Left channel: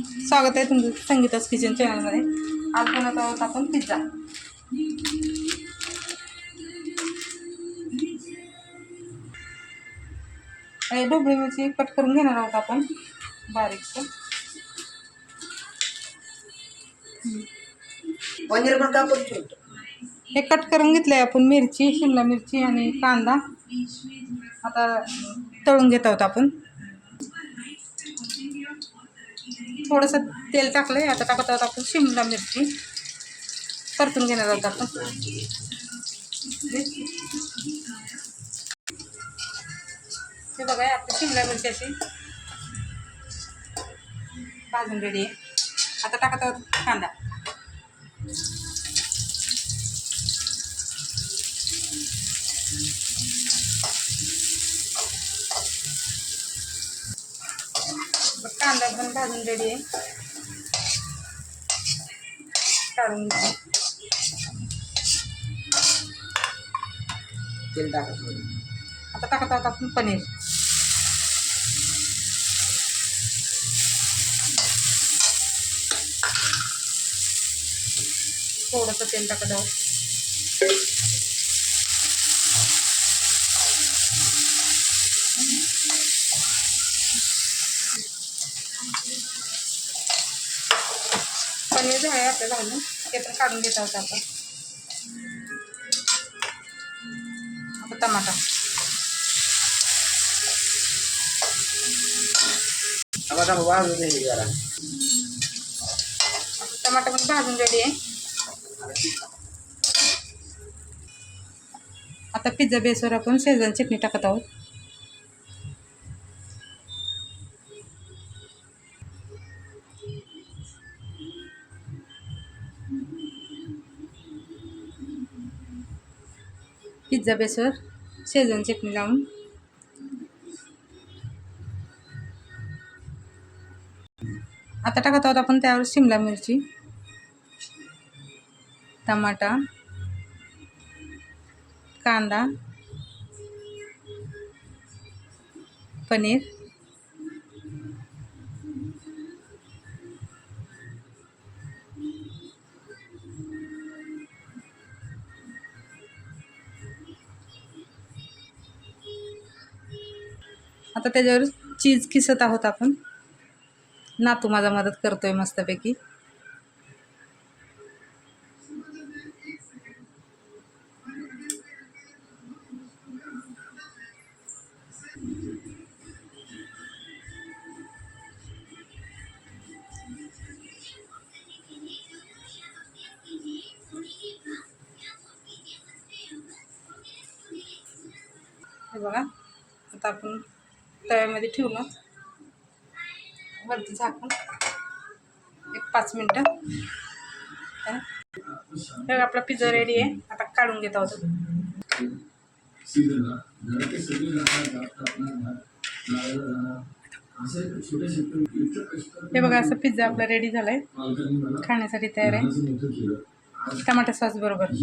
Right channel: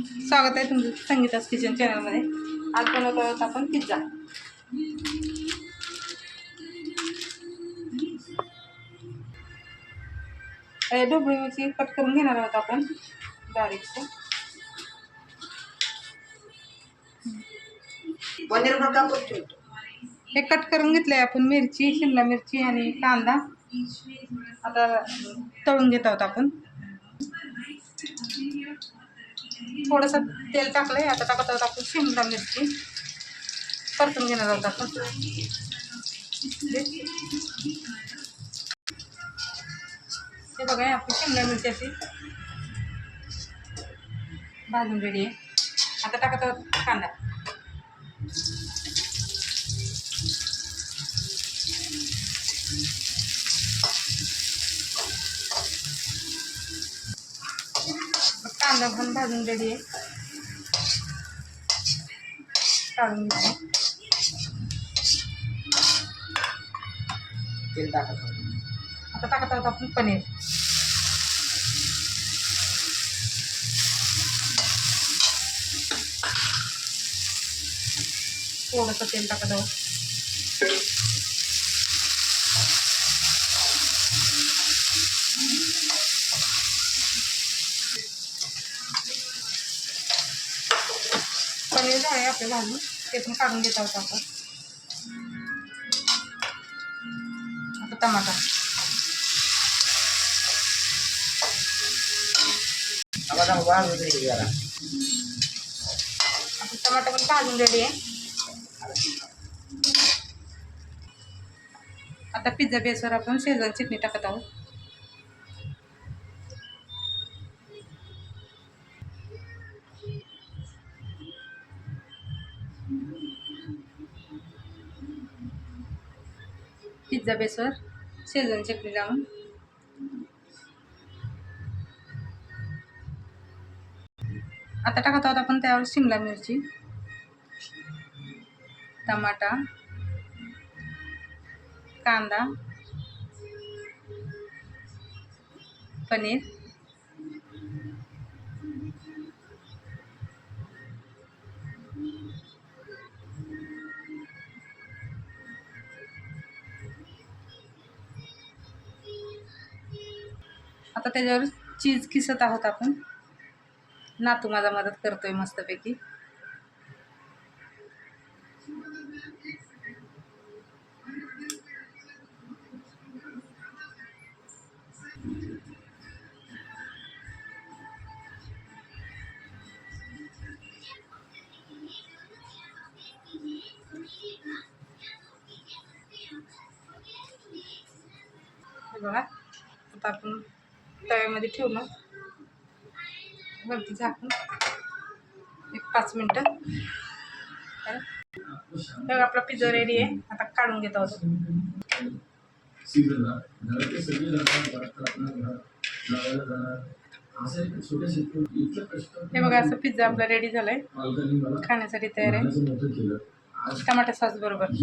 स्वागत आहे तुमचं संगीताच किचन चॅनलमध्ये. आज बनवत आहोत आपण पिझ्झा. ढोबळी मिरची कट करून घेणार आहोत आपण. ठेवतो हे कट करून घेतले आपण मिरची शिमला मिरची आणि कांदा. आता तळून घेत आहोत आपण. थोडंसं तेल टाकलंय. आता टाकत आहोत आपण शिमला मिरची. परतून घेणार आहोत आपण. हे बघा आपली शिमला मिरची अशी भाजून रेडी आहे. आता टाकत आहोत कांदा. कांदा पण भाजून रेडी आहे. काढून तेल टाका थोडं आता टाकत आहोत आपण पनीर. थोडंसं तेल टाकत आहोत. जे आहे आपलं घालून ते पण काढून घेत आहोत आपण. आता टमाटा आता टमाटा पण भाजून रेडी आहे. आता पिझ्झा बेसवर आपण शेजवान चटणी टाकत आहोत. पिझ्झा बेसवर शेजवान चटणी लावून. आता टाकत आहोत आपण त्यावर शिमला मिरची टमाटा कांदा पनीर. आता त्याच्यावर चीज किसत आहोत आपण. नातू माझा मदत करतोय मस्तपैकी. बघा आता आपण तव्यामध्ये ठेवून वरती झाकून. एक पाच मिनटं. बघा, आपला पिझ्झा रेडी आहे. आता काढून घेत आहोत. हे बघा असं पिझ्झा आपला रेडी झालाय. खाण्यासाठी तयार आहे. टमाटर सॉस बरोबर.